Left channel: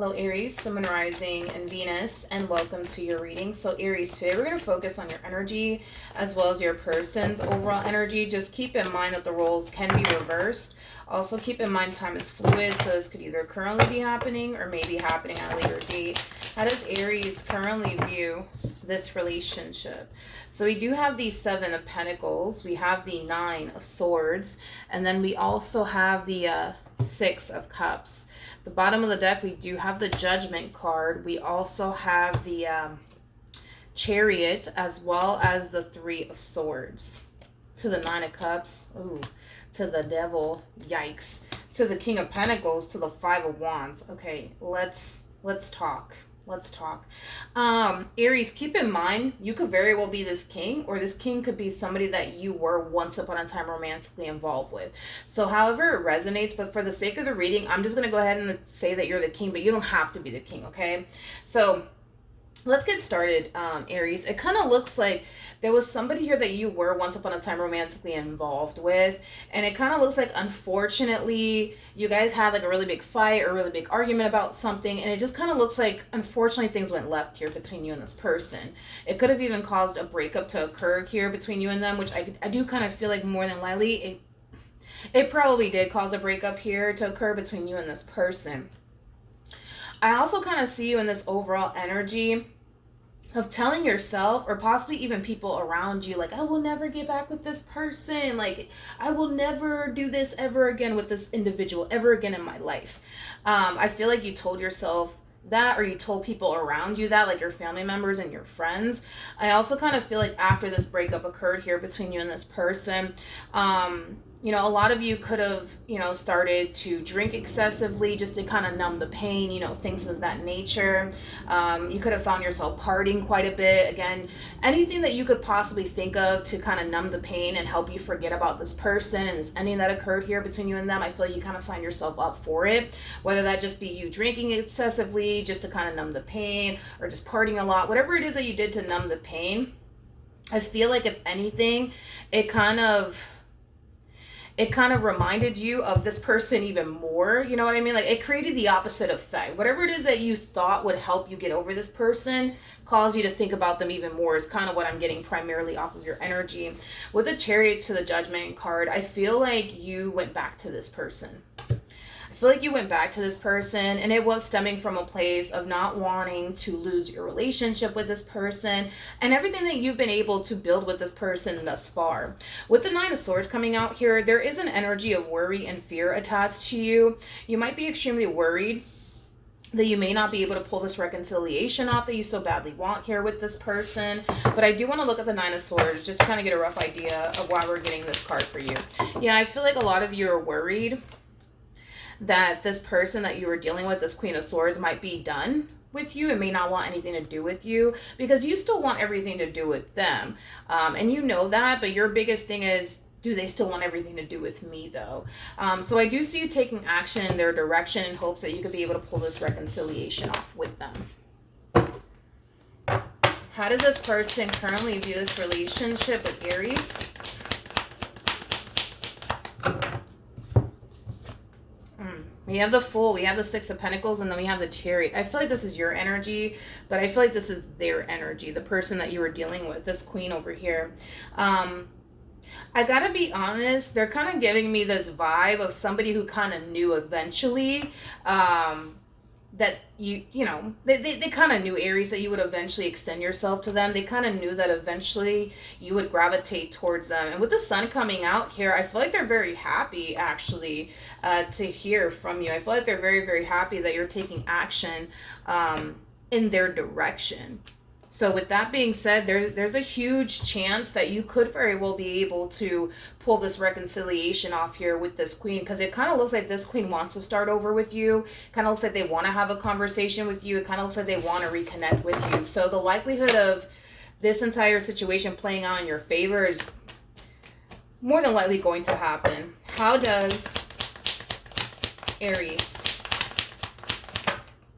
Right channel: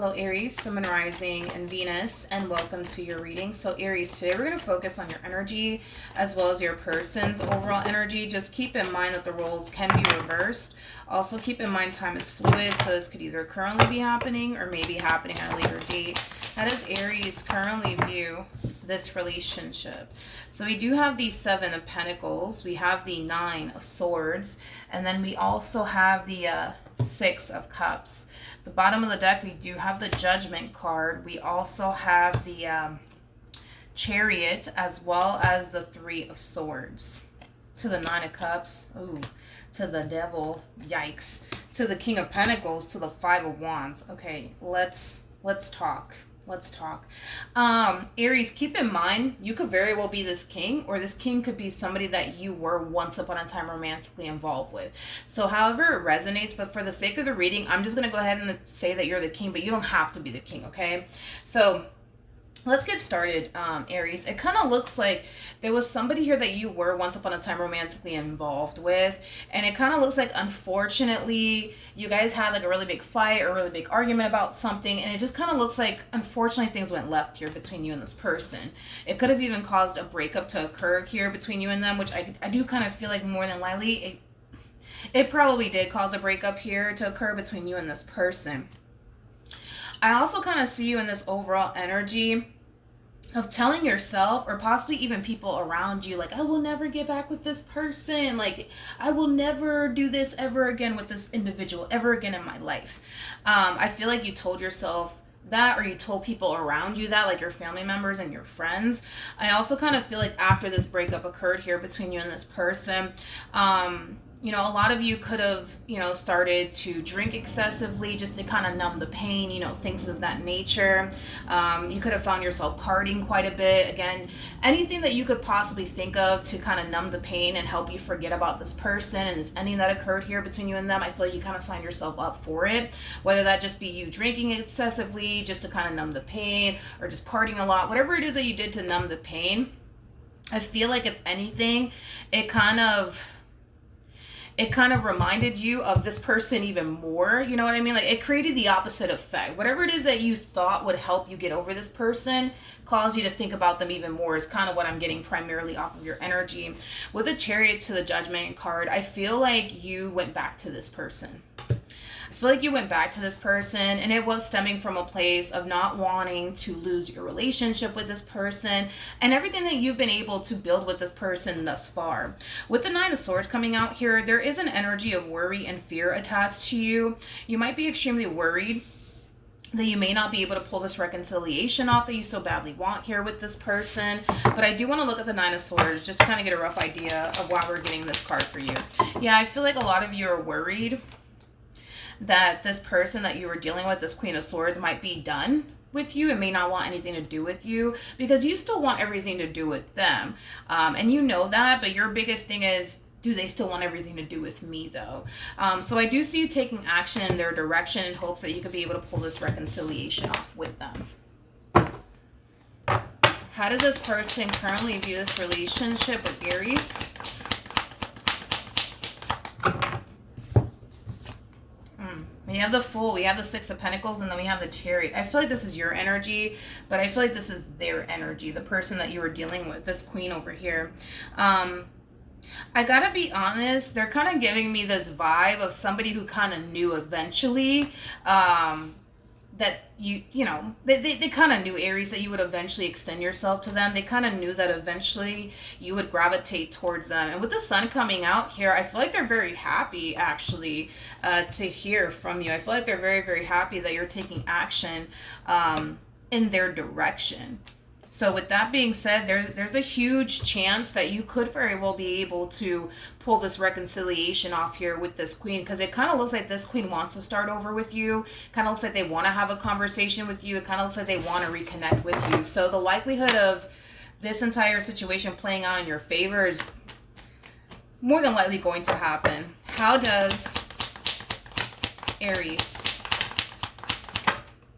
Hello Aries, Sun, Moon, Rising, and Venus, and welcome to your reading. So Aries, today we're going to focus on your energy as well as your person's overall energy. Just keep in mind that the roles can be reversed. Also keep in mind time is fluid, so this could either currently be happening or maybe happening at a later date. How does Aries currently view this relationship? So we do have the Seven of Pentacles, we have the Nine of Swords, and then we also have the Six of Cups. The bottom of the deck, we do have the Judgment card. We also have the Chariot, as well as the Three of Swords. To the Nine of Cups, ooh, to the Devil, yikes. To the King of Pentacles, to the Five of Wands. Okay, let's talk. Let's talk. Aries, keep in mind, you could very well be this king, or this king could be somebody that you were once upon a time romantically involved with. So however it resonates, but for the sake of the reading, I'm just going to go ahead and say that you're the king, but you don't have to be the king, okay? So let's get started, Aries. It kind of looks like there was somebody here that you were once upon a time romantically involved with, and it kind of looks like, unfortunately, you guys had like a really big fight or a really big argument about something, and it just kind of looks like, unfortunately, things went left here between you and this person. It could have even caused a breakup to occur here between you and them, which I do kind of feel like more than likely it probably did cause a breakup here to occur between you and this person. I also kind of see you in this overall energy of telling yourself, or possibly even people around you, like, I will never get back with this person, like I will never do this ever again with this individual ever again in my life. I feel like you told yourself that, or you told people around you that, like your family members and your friends. I also kind of feel like after this breakup occurred here between you and this person, you know, a lot of you could have, you know, started to drink excessively just to kind of numb the pain, you know, things of that nature. You could have found yourself partying quite a bit. Again, anything that you could possibly think of to kind of numb the pain and help you forget about this person and this ending that occurred here between you and them. I feel like you kind of signed yourself up for it, whether that just be you drinking excessively just to kind of numb the pain, or just partying a lot, whatever it is that you did to numb the pain. I feel like, if anything, it kind of reminded you of this person even more. You know what I mean? Like, it created the opposite effect. Whatever it is that you thought would help you get over this person caused you to think about them even more, is kind of what I'm getting primarily off of your energy. With the Chariot to the Judgment card, I feel like you went back to this person. I feel like you went back to this person, and it was stemming from a place of not wanting to lose your relationship with this person and everything that you've been able to build with this person thus far. With the Nine of Swords coming out here, there is an energy of worry and fear attached to you. You might be extremely worried that you may not be able to pull this reconciliation off that you so badly want here with this person. But I do want to look at the Nine of Swords just to kind of get a rough idea of why we're getting this card for you. Yeah, I feel like a lot of you are worried that this person that you were dealing with, this Queen of Swords, might be done with you and may not want anything to do with you, because you still want everything to do with them. And you know that, but your biggest thing is, do they still want everything to do with me, though? So I do see you taking action in their direction in hopes that you could be able to pull this reconciliation off with them. How does this person currently view this relationship with Aries? We have the Fool, we have the Six of Pentacles, and then we have the Chariot. I feel like this is your energy, but I feel like this is their energy, the person that you were dealing with, this Queen over here. I gotta be honest, they're kind of giving me this vibe of somebody who kind of knew eventually that you know, they kind of knew, Aries, that you would eventually extend yourself to them. They kind of knew that eventually you would gravitate towards them. And with the Sun coming out here, I feel like they're very happy, actually, to hear from you. I feel like they're very, very happy that you're taking action in their direction. So with that being said, there's a huge chance that you could very well be able to pull this reconciliation off here with this Queen, because it kind of looks like this Queen wants to start over with you. Kind of looks like they want to have a conversation with you. It kind of looks like they want to reconnect with you. So the likelihood of this entire situation playing out in your favor is more than likely going to happen. How does Aries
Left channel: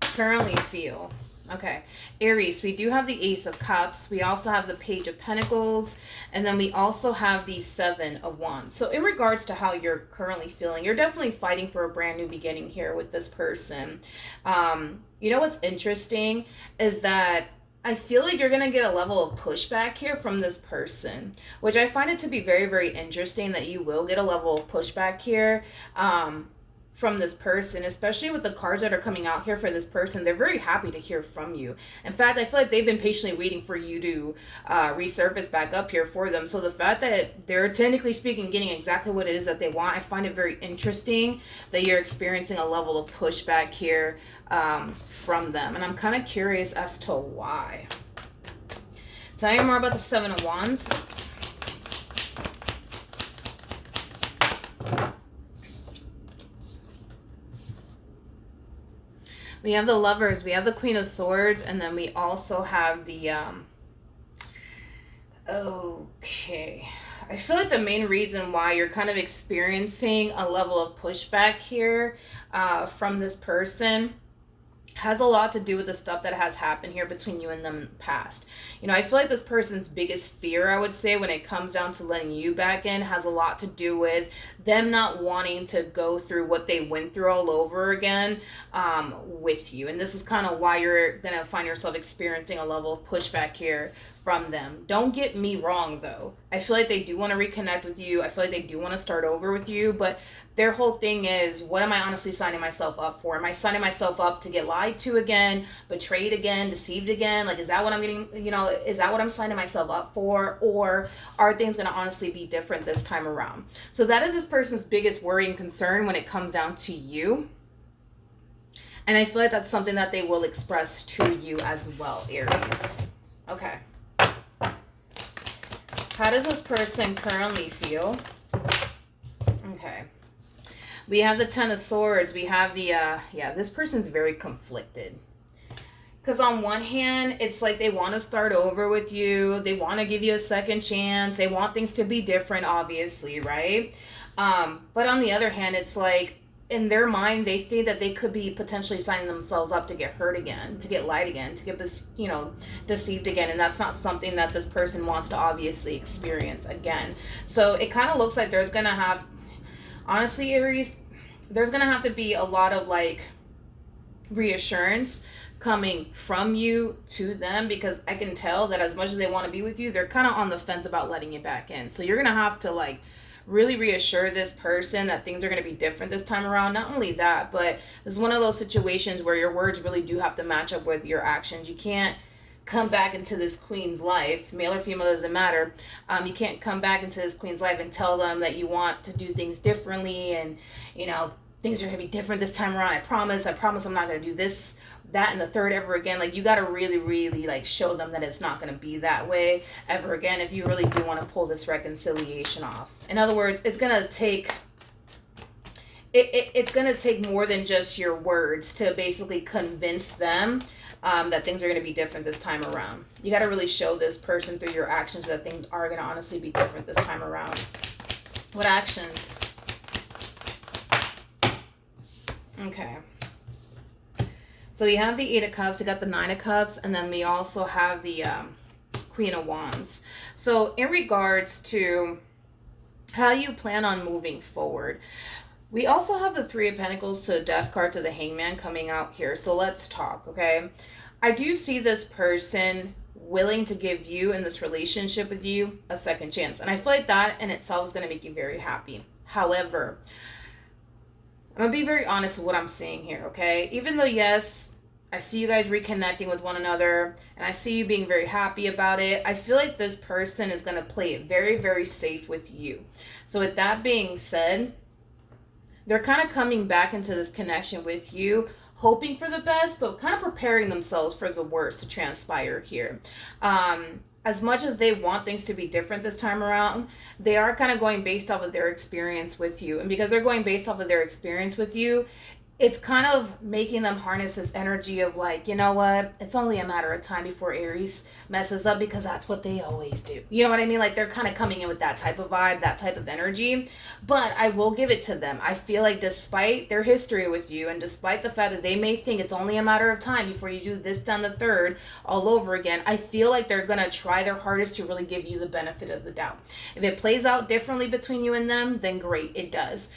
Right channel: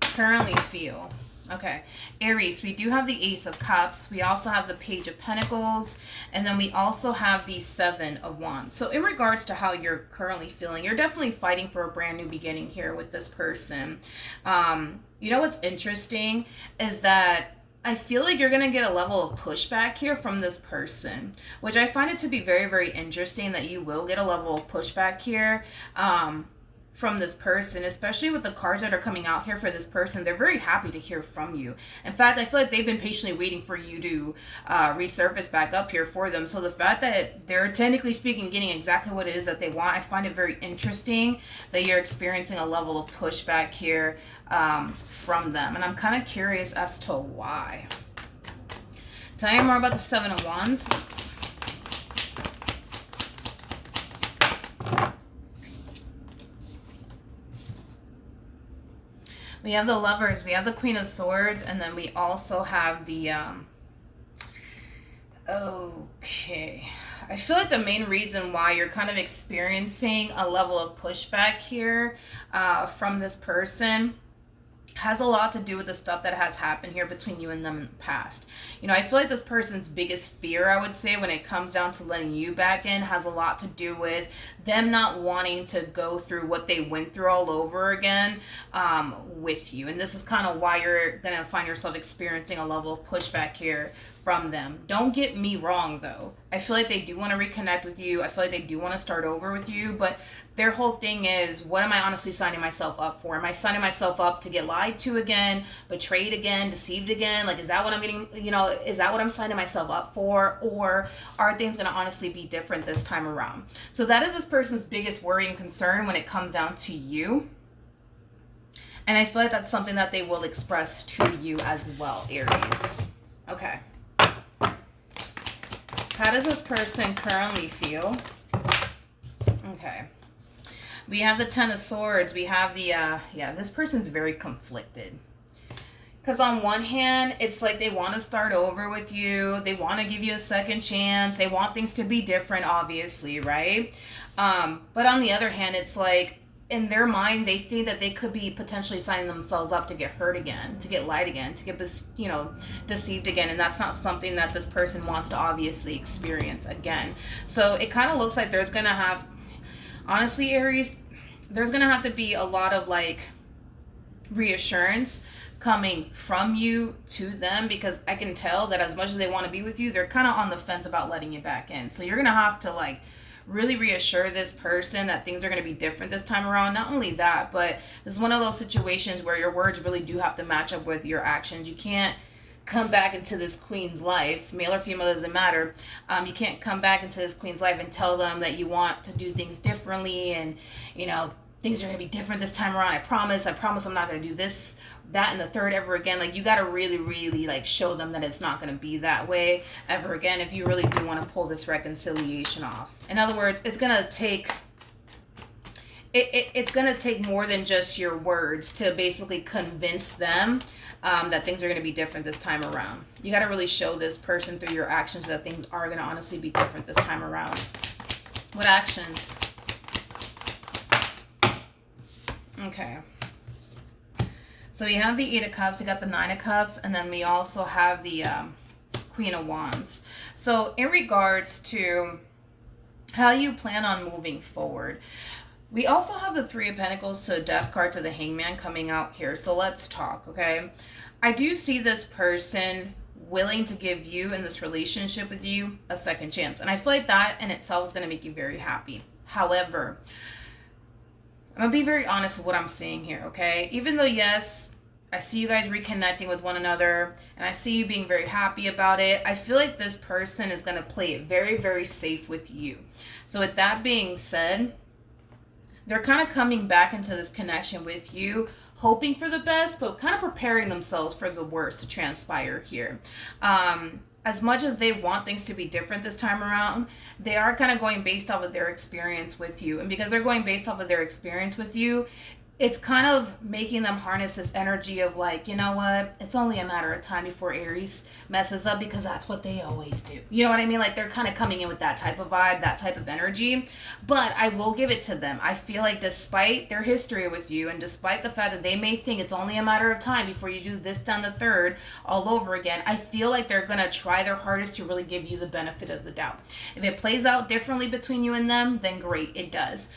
currently feel Okay. Aries, we do have the Ace of Cups. We also have the Page of Pentacles. And then we also have the Seven of Wands. So in regards to how you're currently feeling, you're definitely fighting for a brand new beginning here with this person. You know what's interesting is that I feel like you're going to get a level of pushback here from this person, which I find it to be very, very interesting that you will get a level of pushback here. From this person, especially with the cards that are coming out here for this person. They're very happy to hear from you. In fact, I feel like they've been patiently waiting for you to resurface back up here for them. So the fact that they're technically speaking getting exactly what it is that they want, I find it very interesting that you're experiencing a level of pushback here from them. And I'm kind of curious as to why. Tell me more about the Seven of Wands. We have the Lovers, we have the Queen of Swords, and then we also have the, okay. I feel like the main reason why you're kind of experiencing a level of pushback here from this person has a lot to do with the stuff that has happened here between you and them in the past. You know, I feel like this person's biggest fear, I would say, when it comes down to letting you back in, has a lot to do with them not wanting to go through what they went through all over again with you. And this is kind of why you're going to find yourself experiencing a level of pushback here from them. Don't get me wrong, though. I feel like they do want to reconnect with you. I feel like they do want to start over with you, but their whole thing is, what am I honestly signing myself up for? Am I signing myself up to get lied to again, betrayed again, deceived again? Like, is that what I'm getting, you know, is that what I'm signing myself up for? Or are things going to honestly be different this time around? So that is this person's biggest worry and concern when it comes down to you. And I feel like that's something that they will express to you as well, Aries. Okay. How does this person currently feel? Okay. We have the Ten of Swords. We have the, this person's very conflicted. Because on one hand, it's like they want to start over with you. They want to give you a second chance. They want things to be different, obviously, right? But on the other hand, it's like, in their mind, they think that they could be potentially signing themselves up to get hurt again, to get lied again, to get, you know, deceived again. And that's not something that this person wants to obviously experience again. So it kind of looks like there's going to have, honestly, Aries, there's going to have to be a lot of like reassurance coming from you to them, because I can tell that as much as they want to be with you, they're kind of on the fence about letting you back in. So you're going to have to like really reassure this person that things are going to be different this time around. Not only that, but this is one of those situations where your words really do have to match up with your actions. You can't come back into this queen's life, male or female, doesn't matter. You can't come back into this queen's life and tell them that you want to do things differently and, you know, things are going to be different this time around. I promise I'm not going to do this, that, and the third ever again. Like, you got to really, really like show them that it's not going to be that way ever again if you really do want to pull this reconciliation off. In other words, it's going to take it's going to take more than just your words to basically convince them that things are going to be different this time around. You got to really show this person through your actions that things are going to honestly be different this time around. What actions? Okay. So we have the Eight of Cups, we got the Nine of Cups, and then we also have the Queen of Wands. So in regards to how you plan on moving forward, we also have the Three of Pentacles to the Death card to the Hangman coming out here. So let's talk, okay? I do see this person willing to give you in this relationship with you a second chance. And I feel like that in itself is going to make you very happy. However, I'm going to be very honest with what I'm saying here, okay? Even though, yes, I see you guys reconnecting with one another, and I see you being very happy about it, I feel like this person is going to play it very, very safe with you. So with that being said, they're kind of coming back into this connection with you, hoping for the best, but kind of preparing themselves for the worst to transpire here. As much as they want things to be different this time around, they are kind of going based off of their experience with you. And because they're going based off of their experience with you, it's kind of making them harness this energy of like, you know what, it's only a matter of time before Aries messes up, because that's what they always do. You know what I mean? Like they're kind of coming in with that type of vibe, that type of energy. But I will give it to them. I feel like despite their history with you, and despite the fact that they may think it's only a matter of time before you do this, done the third all over again, I feel like they're going to try their hardest to really give you the benefit of the doubt. If it plays out differently between you and them, then great, it does.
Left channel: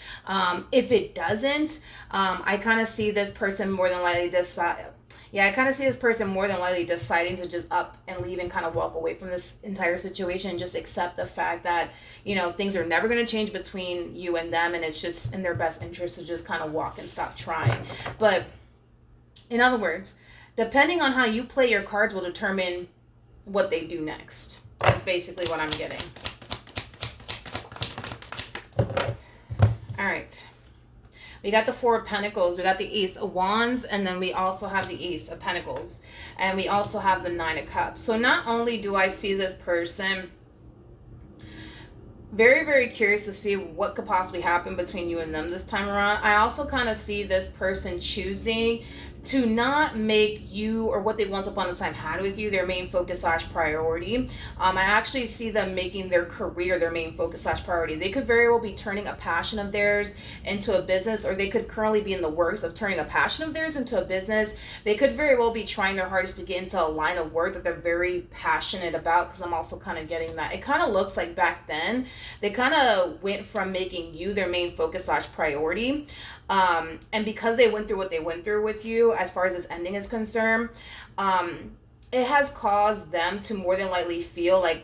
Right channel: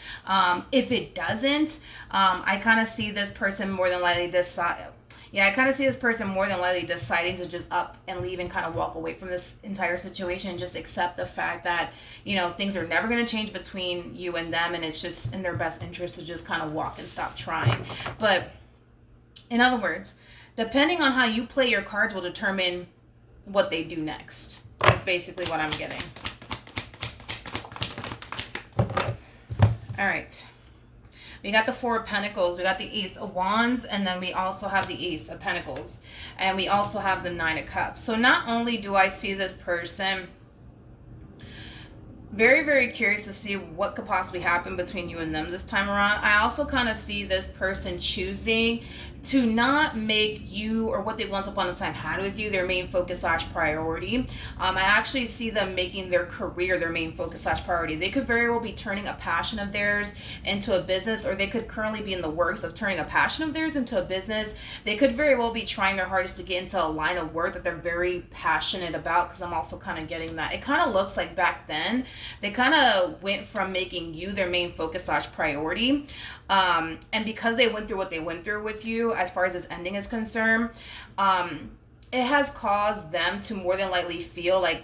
If it doesn't, I kind of see this person more than likely decide. Yeah, I kind of see this person more than likely deciding to just up and leave and kind of walk away from this entire situation and just accept the fact that, you know, things are never going to change between you and them, and it's just in their best interest to just kind of walk and stop trying. But in other words, depending on how you play your cards will determine what they do next. That's basically what I'm getting. All right. We got the Four of Pentacles, we got the Ace of Wands, and then we also have the Ace of Pentacles. And we also have the Nine of Cups. So not only do I see this person very, very curious to see what could possibly happen between you and them this time around, I also kind of see this person choosing to not make you, or what they once upon a time had with you, their main focus slash priority. I actually see them making their career their main focus slash priority. They could very well be turning a passion of theirs into a business, or they could currently be in the works of turning a passion of theirs into a business. They could very well be trying their hardest to get into a line of work that they're very passionate about, because I'm also kind of getting that. It kind of looks like back then, they kind of went from making you their main focus slash priority. And because they went through what they went through with you, as far as this ending is concerned, it has caused them to more than likely feel like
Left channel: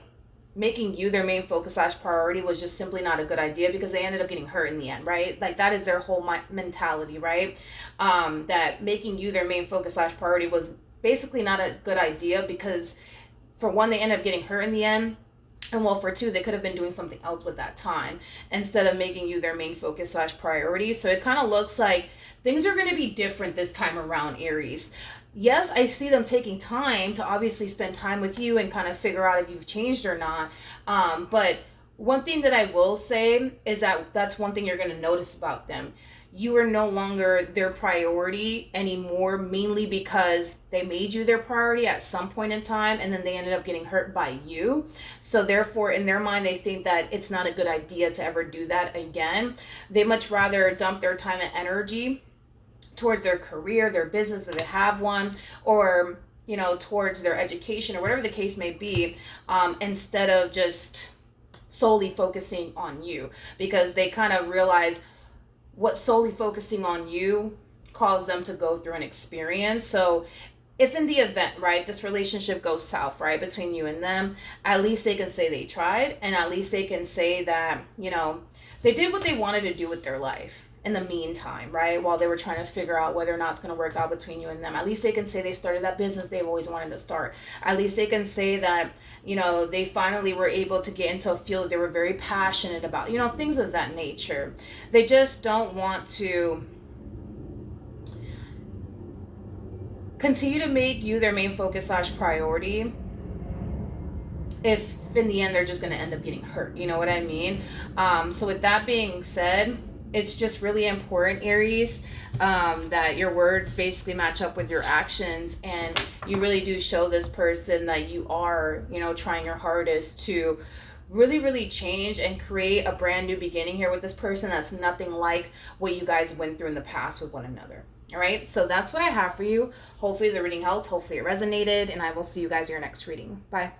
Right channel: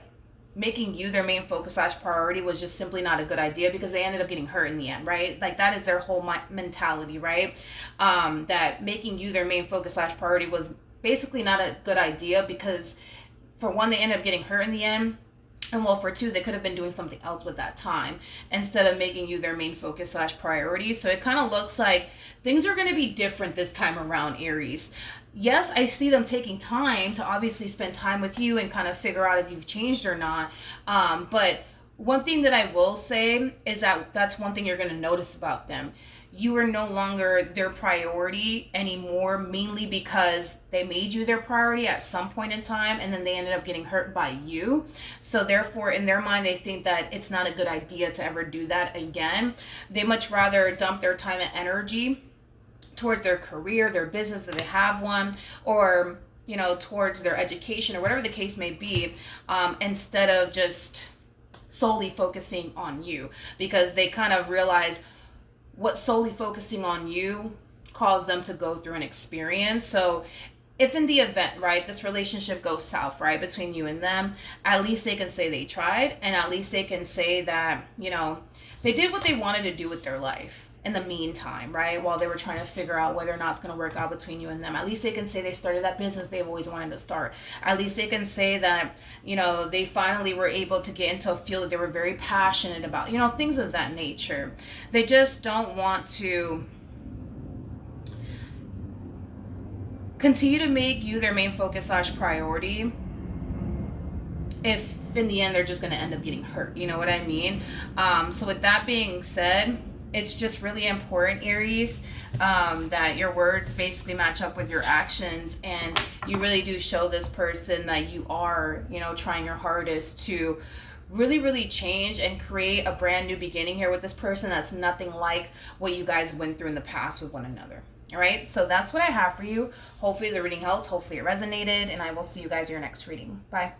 making you their main focus slash priority was just simply not a good idea, because they ended up getting hurt in the end, right? Like that is their whole mentality, right? That making you their main focus slash priority was basically not a good idea, because for one, they ended up getting hurt in the end. And well, for two, they could have been doing something else with that time instead of making you their main focus slash priority. So it kind of looks like things are going to be different this time around, Aries. Yes, I see them taking time to obviously spend time with you and kind of figure out if you've changed or not. But one thing that I will say is that that's one thing you're going to notice about them. You are no longer their priority anymore, mainly because they made you their priority at some point in time, and then they ended up getting hurt by you. So therefore, in their mind, they think that it's not a good idea to ever do that again. They much rather dump their time and energy towards their career, their business that they have one, or, you know, towards their education or whatever the case may be, instead of just solely focusing on you, because they kind of realize what solely focusing on you caused them to go through an experience. So if in the event, right, this relationship goes south, right, between you and them, at least they can say they tried, and at least they can say that, you know, they did what they wanted to do with their life in the meantime, right, while they were trying to figure out whether or not it's going to work out between you and them. At least they can say they started that business they've always wanted to start. At least they can say that, you know, they finally were able to get into a field that they were very passionate about, you know, things of that nature. They just don't want to continue to make you their main focus slash priority if in the end they're just going to end up getting hurt. You know what I mean? So with that being said, it's just really important, Aries, that your words basically match up with your actions, and you really do show this person that you are, you know, trying your hardest to really, really change and create a brand new beginning here with this person that's nothing like what you guys went through in the past with one another. All right, so that's what I have for you. Hopefully the reading helped. Hopefully it resonated, and I will see you guys in your next reading. Bye.